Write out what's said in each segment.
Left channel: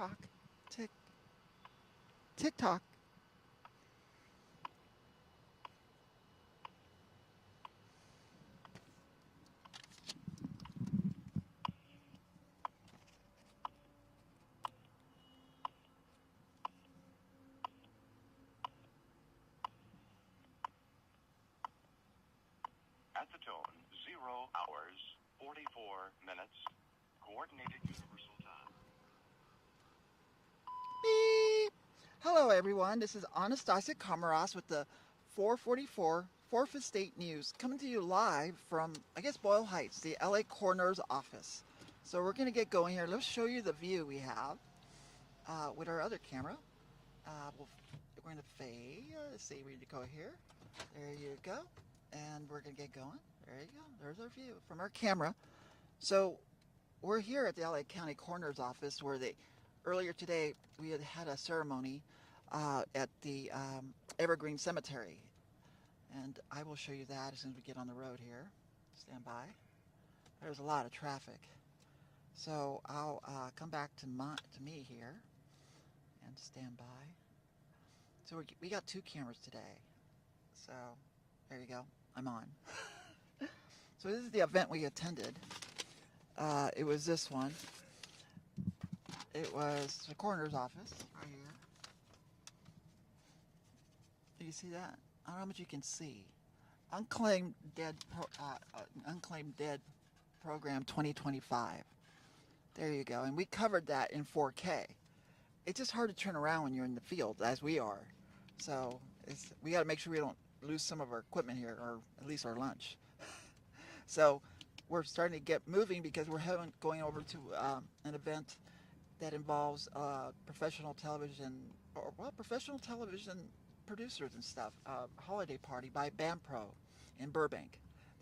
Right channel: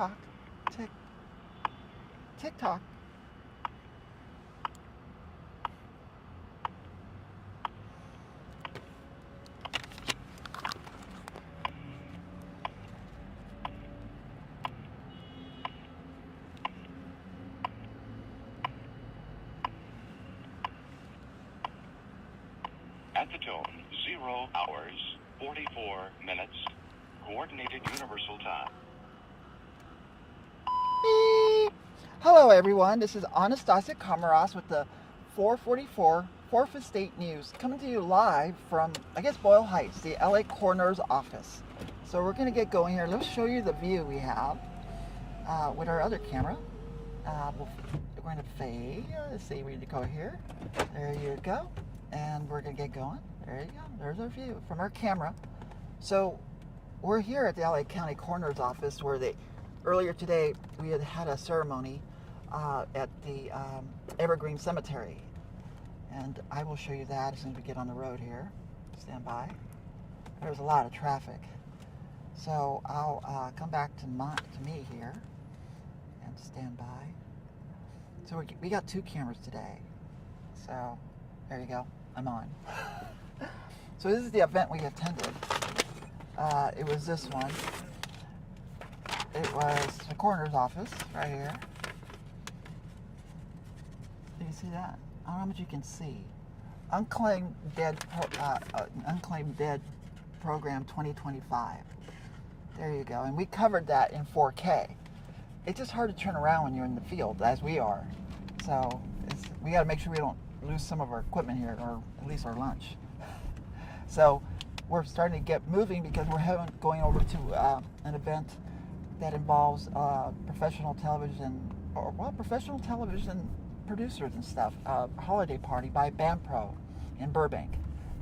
Tick-tock. Tick. Tick-tock. At the tone, 0 hours, 44 minutes, coordinated universal time. Beep. Hello everyone, this is AnnestaciaA Komarovsk with the 444 4th Estate News, coming to you live from, I guess, Boyle Heights, the LA coroner's office. So we're going to get going here. Let's show you the view we have with our other camera. We're going to fade. Let's see, we need to go here. There you go. And we're going to get going. There you go. There's our view from our camera. So we're here at the LA County Coroner's Office where earlier today we had a ceremony at the Evergreen Cemetery. And I will show you that as soon as we get on the road here. Stand by. There's a lot of traffic. So I'll come back to me here and stand by. So we got 2 cameras today. So there you go. I'm on. So this is the event we attended. It was this one. It was the coroner's office right here. Do you see that? I don't know how much you can see. Unclaimed Dead Program 2025. There you go. And we covered that in 4K. It's just hard to turn around when you're in the field, as we are. So we got to make sure we don't lose some of our equipment here, or at least our lunch. So we're starting to get moving because we're going over to an event that involves professional television producers and stuff. A holiday party by BAMPRO in Burbank.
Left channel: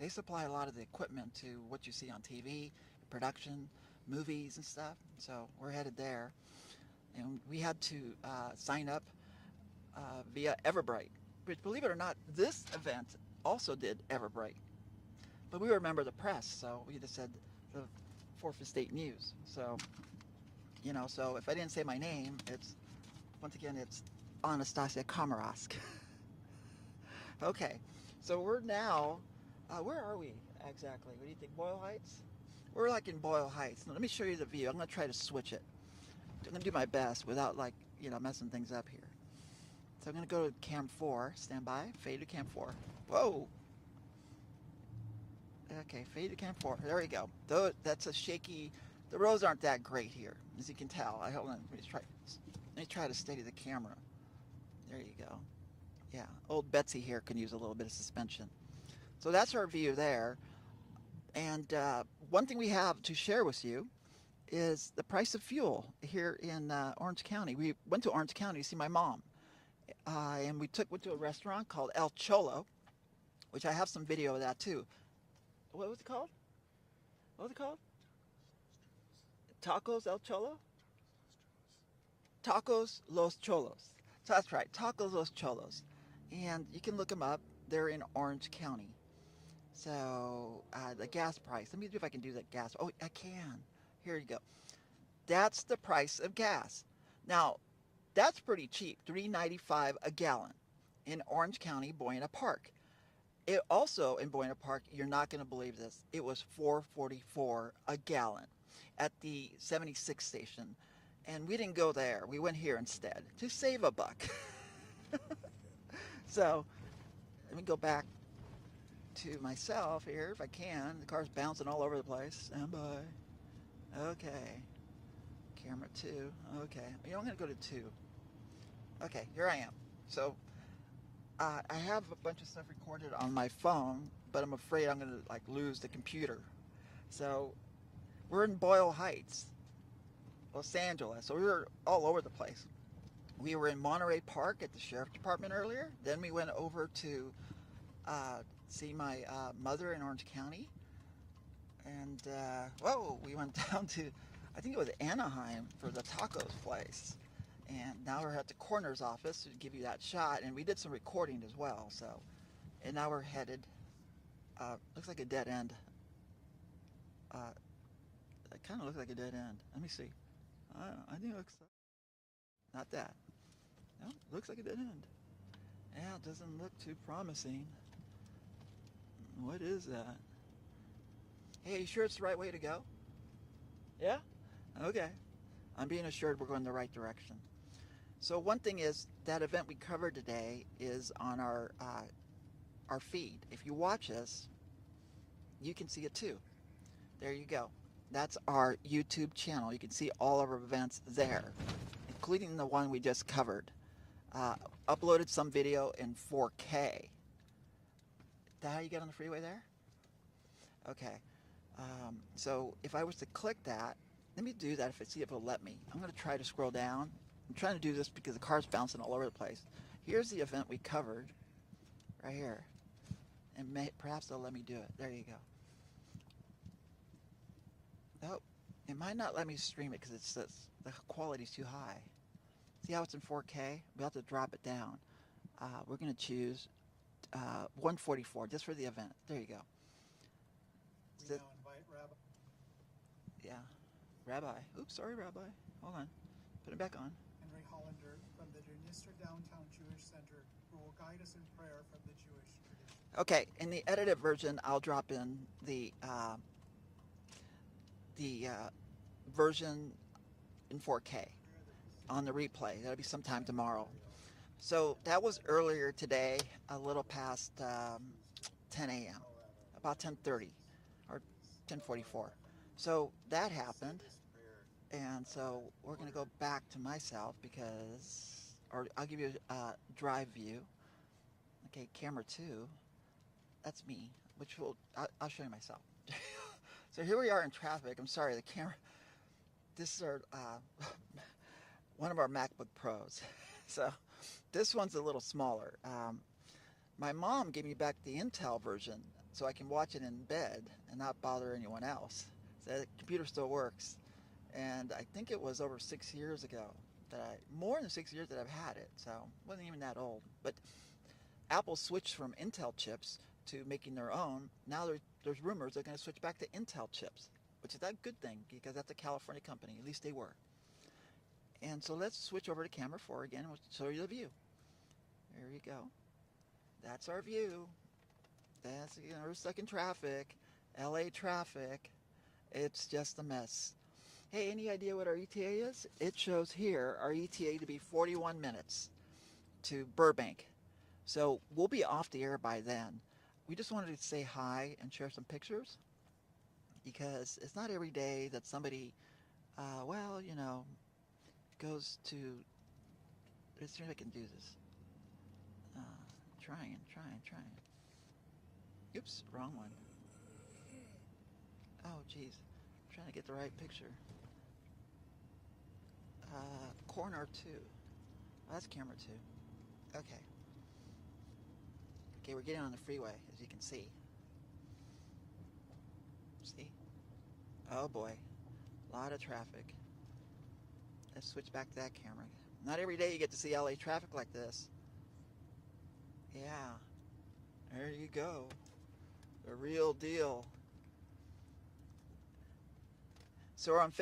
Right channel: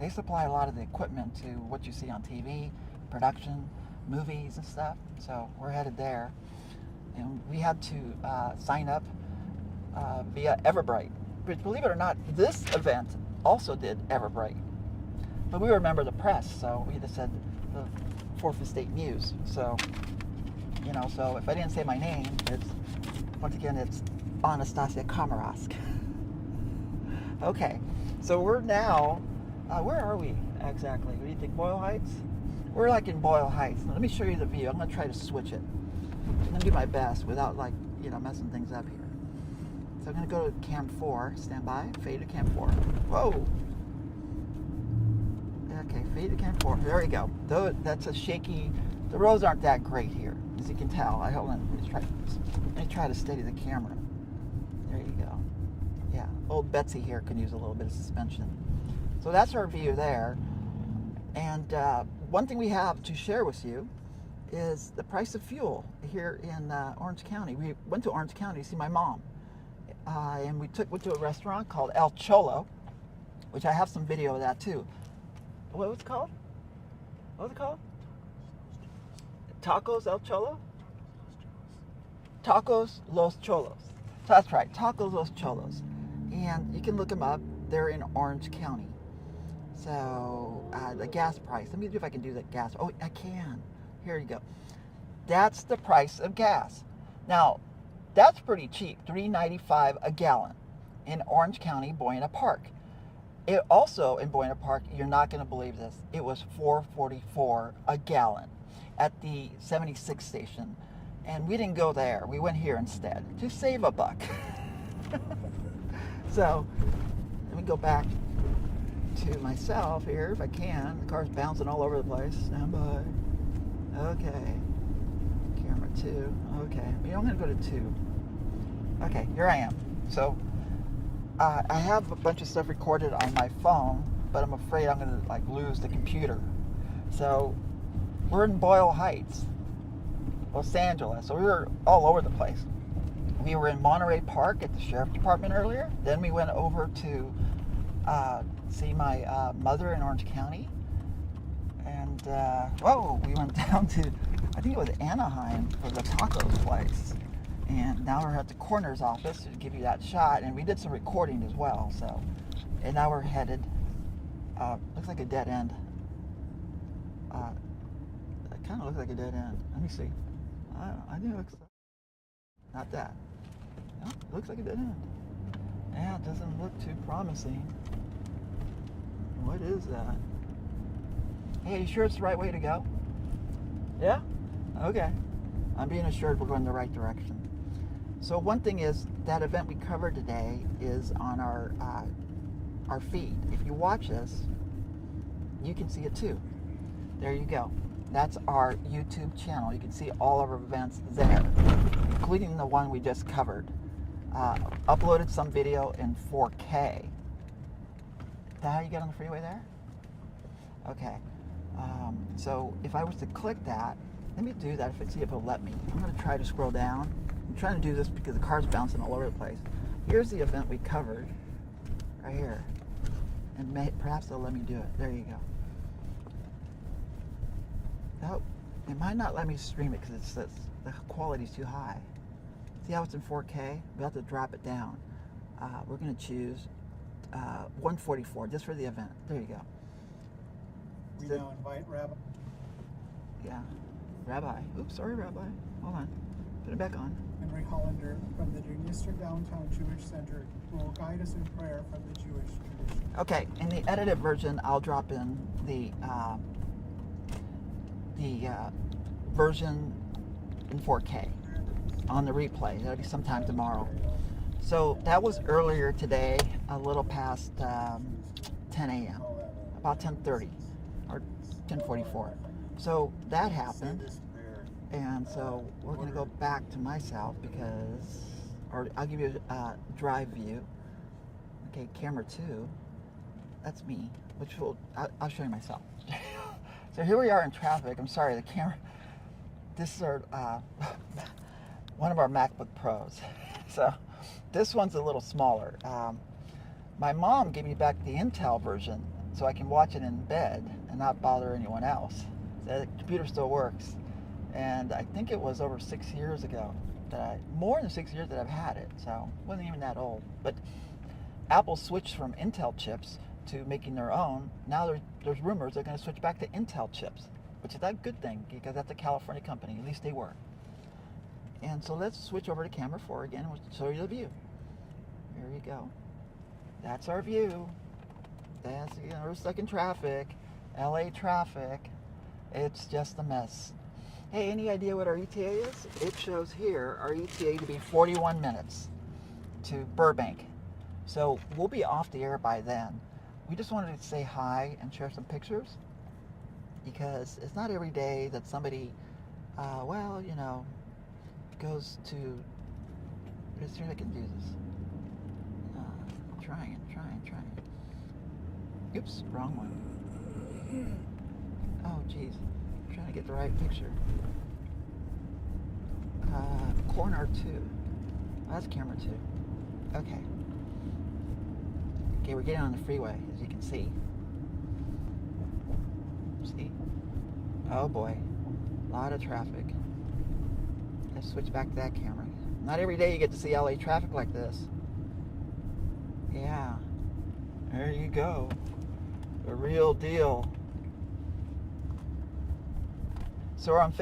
They supply a lot of the equipment to what you see on TV, production, movies and stuff. So we're headed there, and we had to sign up via Everbright. But believe it or not, this event also did Everbright. But we were a member of the press, so we just said the 4th Estate News. So, you know, so if I didn't say my name, once again, it's AnnestaciaA Komarovsk. Okay, so we're now, where are we exactly? What do you think, Boyle Heights? We're like in Boyle Heights. Now, let me show you the view. I'm going to try to switch it. I'm going to do my best without, like, you know, messing things up here. So I'm going to go to cam 4, stand by, fade to cam 4. Whoa! Okay, fade to cam 4. There we go. Though that's a shaky, the roads aren't that great here, as you can tell. Hold on, let me try to steady the camera. There you go. Yeah, old Betsy here can use a little bit of suspension. So that's our view there. And one thing we have to share with you is the price of fuel here in Orange County. We went to Orange County to see my mom. And we went to a restaurant called El Cholo, which I have some video of that too. What was it called? What was it called? Tacos El Cholo? Tacos Los Cholos. So that's right, Tacos Los Cholos. And you can look them up. They're in Orange County. So the gas price. Let me see if I can do that gas. Oh, I can. Here you go. That's the price of gas. Now, that's pretty cheap, $3.95 a gallon in Orange County, Buena Park. It also, in Buena Park, you're not going to believe this, it was $4.44 a gallon at the 76 station. And we didn't go there. We went here instead to save a buck. So, let me go back to myself here if I can. The car's bouncing all over the place. Stand by. Okay. Camera 2. Okay. I'm going to go to 2. Okay, here I am. So, I have a bunch of stuff recorded on my phone, but I'm afraid I'm going to lose the computer. So, we're in Boyle Heights, Los Angeles. So we were all over the place. We were in Monterey Park at the Sheriff Department earlier. Then we went over to see my mother in Orange County. And, we went down to, I think it was Anaheim for the tacos place. And now we're at the coroner's office to give you that shot. And we did some recording as well. So, and now we're headed, looks like a dead end. It kind of looks like a dead end. Let me see. I think it looks Not that. No, it looks like it didn't. Yeah, it doesn't look too promising. What is that? Hey, you sure it's the right way to go? Yeah? Okay. I'm being assured we're going the right direction. So one thing is, that event we covered today is on our feed. If you watch us, you can see it too. There you go. That's our YouTube channel. You can see all of our events there, including the one we just covered. Uploaded some video in 4K. Is that how you get on the freeway there? Okay. So if I was to click that, let me do that, see if it'll let me. I'm going to try to scroll down. I'm trying to do this because the car's bouncing all over the place. Here's the event we covered, right here. And perhaps they'll let me do it. There you go. Nope. It might not let me stream it because the quality's too high. See how it's in 4K? We have to drop it down. We're going to choose 144 just for the event. There you go. We now invite Rabbi. Yeah. Rabbi. Oops, sorry, Rabbi. Hold on. Put it back on. Henry Hollander from the Dniester Downtown Jewish Center, who will guide us in prayer from the Jewish tradition. Okay, in the edited version, I'll drop in the version in 4K on the replay. That'll be sometime tomorrow. So that was earlier today, a little past 10 a.m., about 10:30 or 10:44. So that happened, and so we're going to go back to myself because, or I'll give you a drive view. Okay, camera 2, that's me, which I'll show you myself. So here we are in traffic. I'm sorry, the camera, this is our, one of our MacBook Pros. So this one's a little smaller. My mom gave me back the Intel version so I can watch it in bed and not bother anyone else. So the computer still works. And I think it was over 6 years ago more than 6 years that I've had it. So it wasn't even that old. But Apple switched from Intel chips to making their own. Now there's rumors they're going to switch back to Intel chips, which is a good thing because that's a California company. At least they were. And so let's switch over to camera 4 again and we'll show you the view. There you go. That's our view. That's, you know, we're stuck in traffic. LA traffic. It's just a mess. Hey, any idea what our ETA is? It shows here our ETA to be 41 minutes to Burbank. So we'll be off the air by then. We just wanted to say hi and share some pictures because it's not every day that somebody, well, you know, goes to, let's see if I can do this. Trying. Oops, wrong one. Oh, geez. I'm trying to get the right picture. Corner 2. Oh, that's camera 2. Okay. Okay, we're getting on the freeway, as you can see. See? Oh boy. A lot of traffic. Let's switch back to that camera. Not every day you get to see LA traffic like this. Yeah. There you go. The real deal. So we're on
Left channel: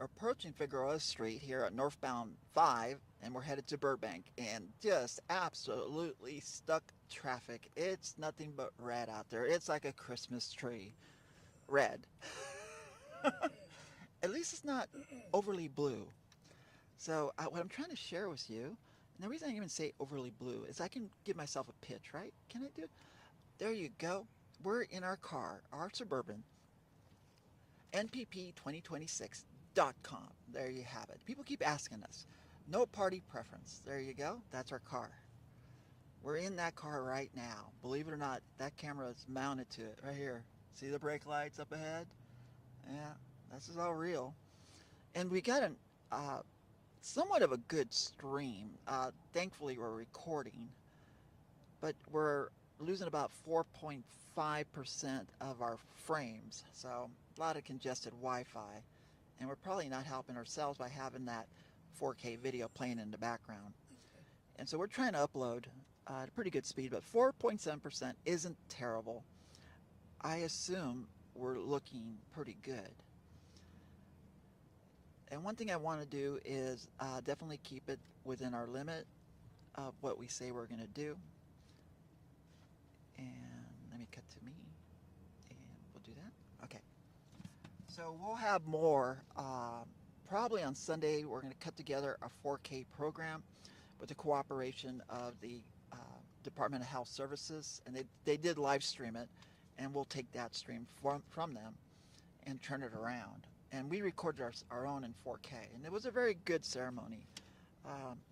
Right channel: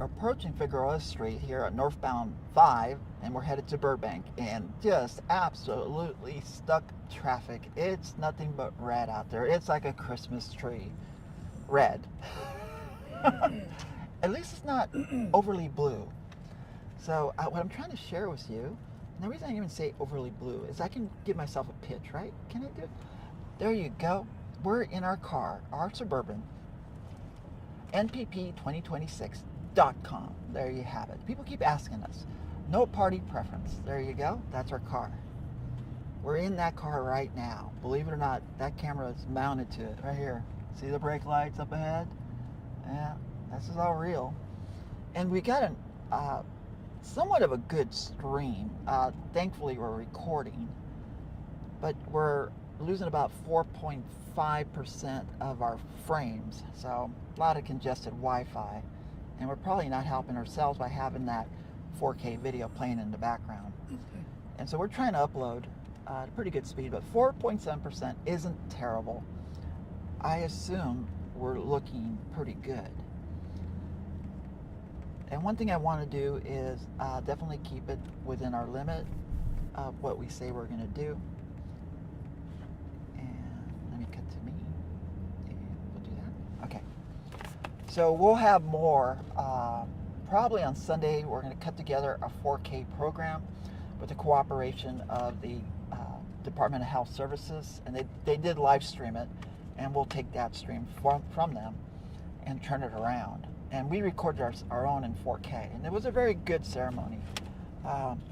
approaching Figueroa Street here at northbound 5, and we're headed to Burbank, and just absolutely stuck traffic. It's nothing but red out there. It's like a Christmas tree. Red. At least it's not overly blue. So what I'm trying to share with you, and the reason I even say overly blue is I can give myself a pitch, right? Can I do it? There you go. We're in our car, our Suburban, npp2026.com. There you have it. People keep asking us. No party preference. There you go. That's our car. We're in that car right now. Believe it or not, that camera is mounted to it right here. See the brake lights up ahead? Yeah, this is all real. And we got somewhat of a good stream. Thankfully, we're recording, but we're losing about 4.5% of our frames. So a lot of congested Wi-Fi, and we're probably not helping ourselves by having that 4K video playing in the background. And so we're trying to upload at a pretty good speed, but 4.7% isn't terrible. I assume we're looking pretty good. And one thing I want to do is definitely keep it within our limit of what we say we're going to do. And let me cut to me. And we'll do that. Okay. So we'll have more. Probably on Sunday, we're going to cut together a 4K program with the cooperation of the Department of Health Services. And they did live stream it. And we'll take that stream from them and turn it around. And we recorded our own in 4K. And it was a very good ceremony.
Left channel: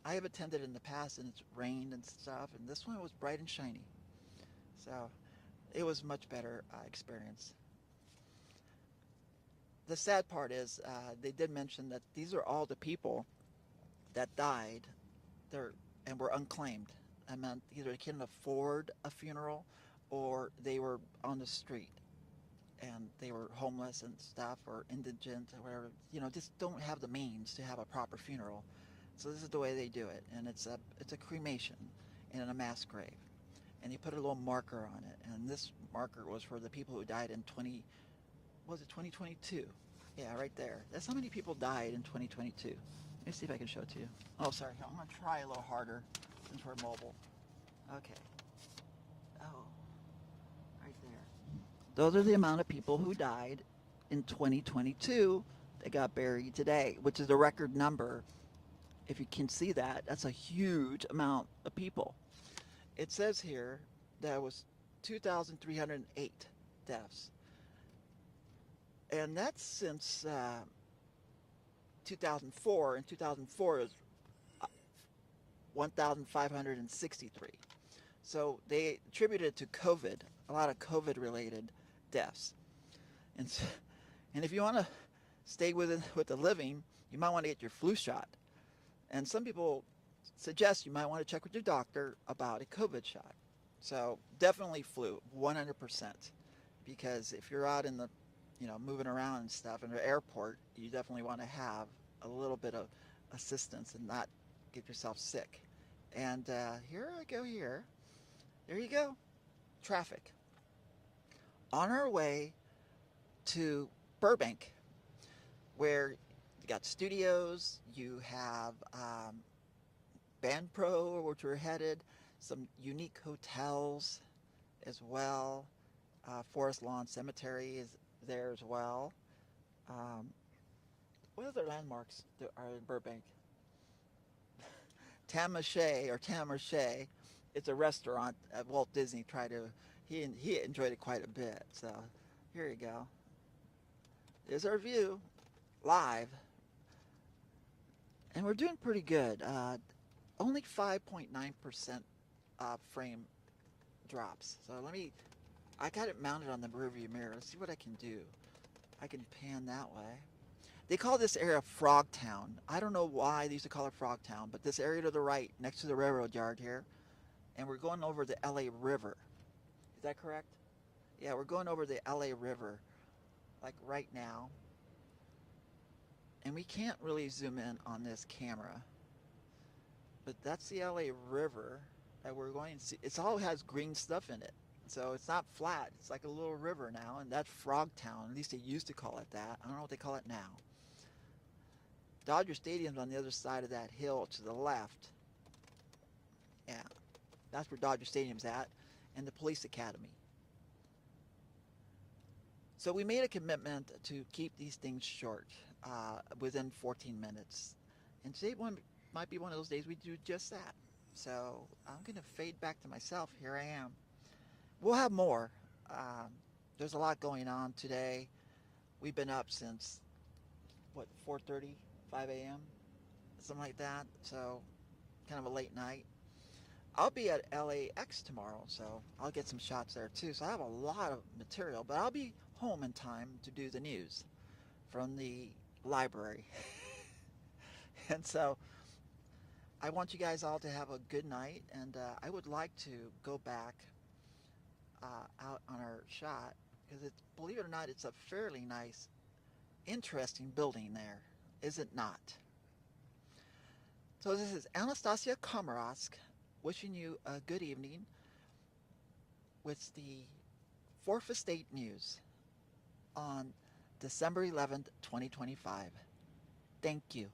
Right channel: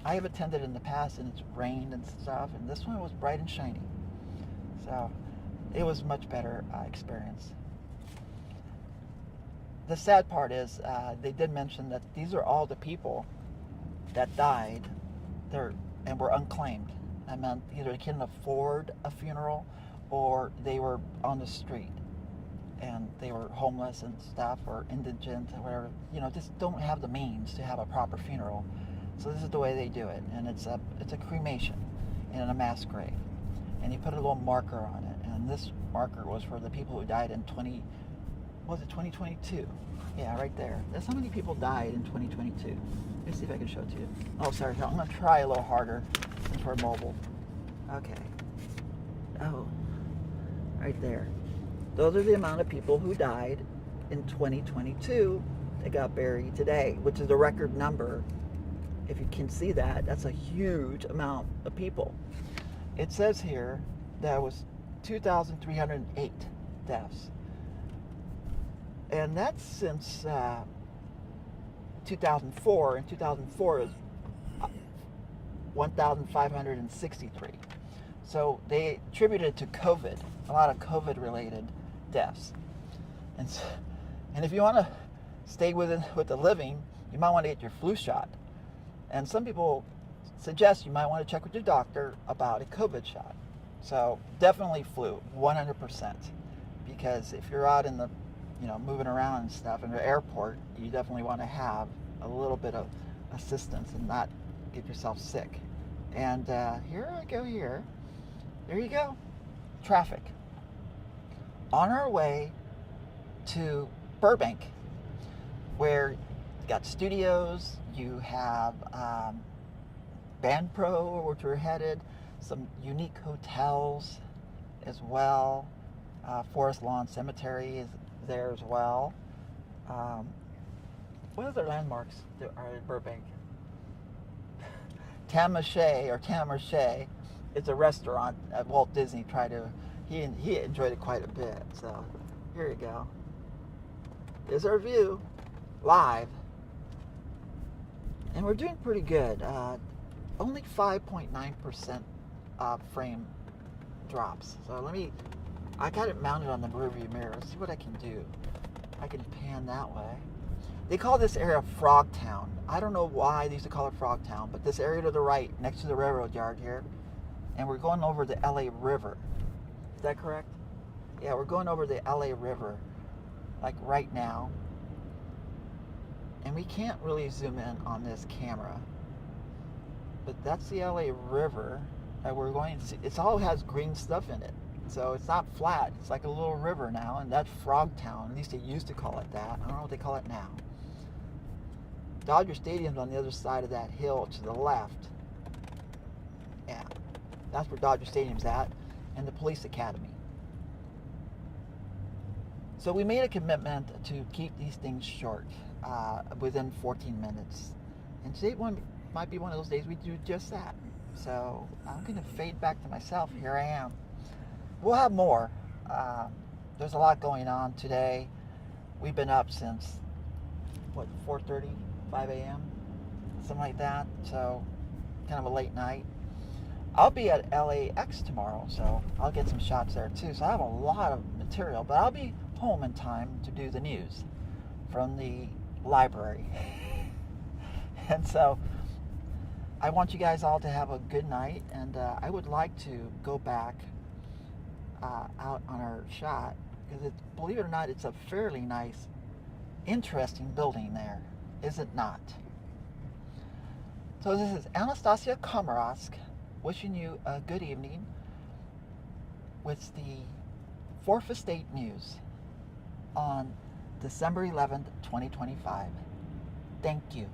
I have attended in the past and it's rained and stuff. And this one was bright and shiny. So it was much better experience. The sad part is they did mention that these are all the people that died and were unclaimed. I meant either they couldn't afford a funeral or they were on the street and they were homeless and stuff or indigent or whatever, just don't have the means to have a proper funeral. So this is the way they do it, and it's a cremation in a mass grave, and you put a little marker on it, and this marker was for the people who died in 2022? Yeah, right there. That's how many people died in 2022. Let me see if I can show it to you. Oh, sorry, I'm going to try a little harder since we're mobile. Okay. Oh, right there. Those are the amount of people who died in 2022 that got buried today, which is a record number. If you can see that, that's a huge amount of people. It says here that was 2,308 deaths. And that's since 2004, and 2004 is 1,563. So they attributed it to COVID, a lot of COVID-related deaths. And if you want to stay with the living, you might want to get your flu shot. And some people suggest you might want to check with your doctor about a COVID shot. So definitely flu, 100%. Because if you're out in the, moving around and stuff in the airport, you definitely want to have a little bit of assistance and not get yourself sick. And here I go here. There you go. Traffic. On our way to Burbank, where you got studios, you have Band Pro, which we're headed, some unique hotels as well. Forest Lawn Cemetery is there as well. What other landmarks are in Burbank? Tamashay is a restaurant at Walt Disney. He enjoyed it quite a bit. So here you go. There's our view, live. And we're doing pretty good. Only 5.9% frame drops. So I got it mounted on the rearview mirror. Let's see what I can do. I can pan that way. They call this area Frogtown. I don't know why they used to call it Frogtown, but this area to the right, next to the railroad yard here, and we're going over the LA River. Is that correct? Yeah, we're going over the LA River, like right now. And we can't really zoom in on this camera, but that's the LA River, and we're going to see, it all has green stuff in it. So it's not flat, it's like a little river now, and that's Frogtown. At least they used to call it that. I don't know what they call it now. Dodger Stadium's on the other side of that hill to the left. Yeah, that's where Dodger Stadium's at, and the police academy. So we made a commitment to keep these things short, within 14 minutes. And today might be one of those days we do just that. So I'm going to fade back to myself. Here I am. We'll have more. There's a lot going on today. We've been up since, 4:30, 5 a.m., something like that. So kind of a late night. I'll be at LAX tomorrow, so I'll get some shots there too. So I have a lot of material, but I'll be home in time to do the news from the library. And so I want you guys all to have a good night, and I would like to go back out on our shot, because believe it or not, it's a fairly nice, interesting building there, is it not? So this is AnnestaciaA Komarovsk wishing you a good evening with the 4th Estate News on December 11th, 2025. Thank you.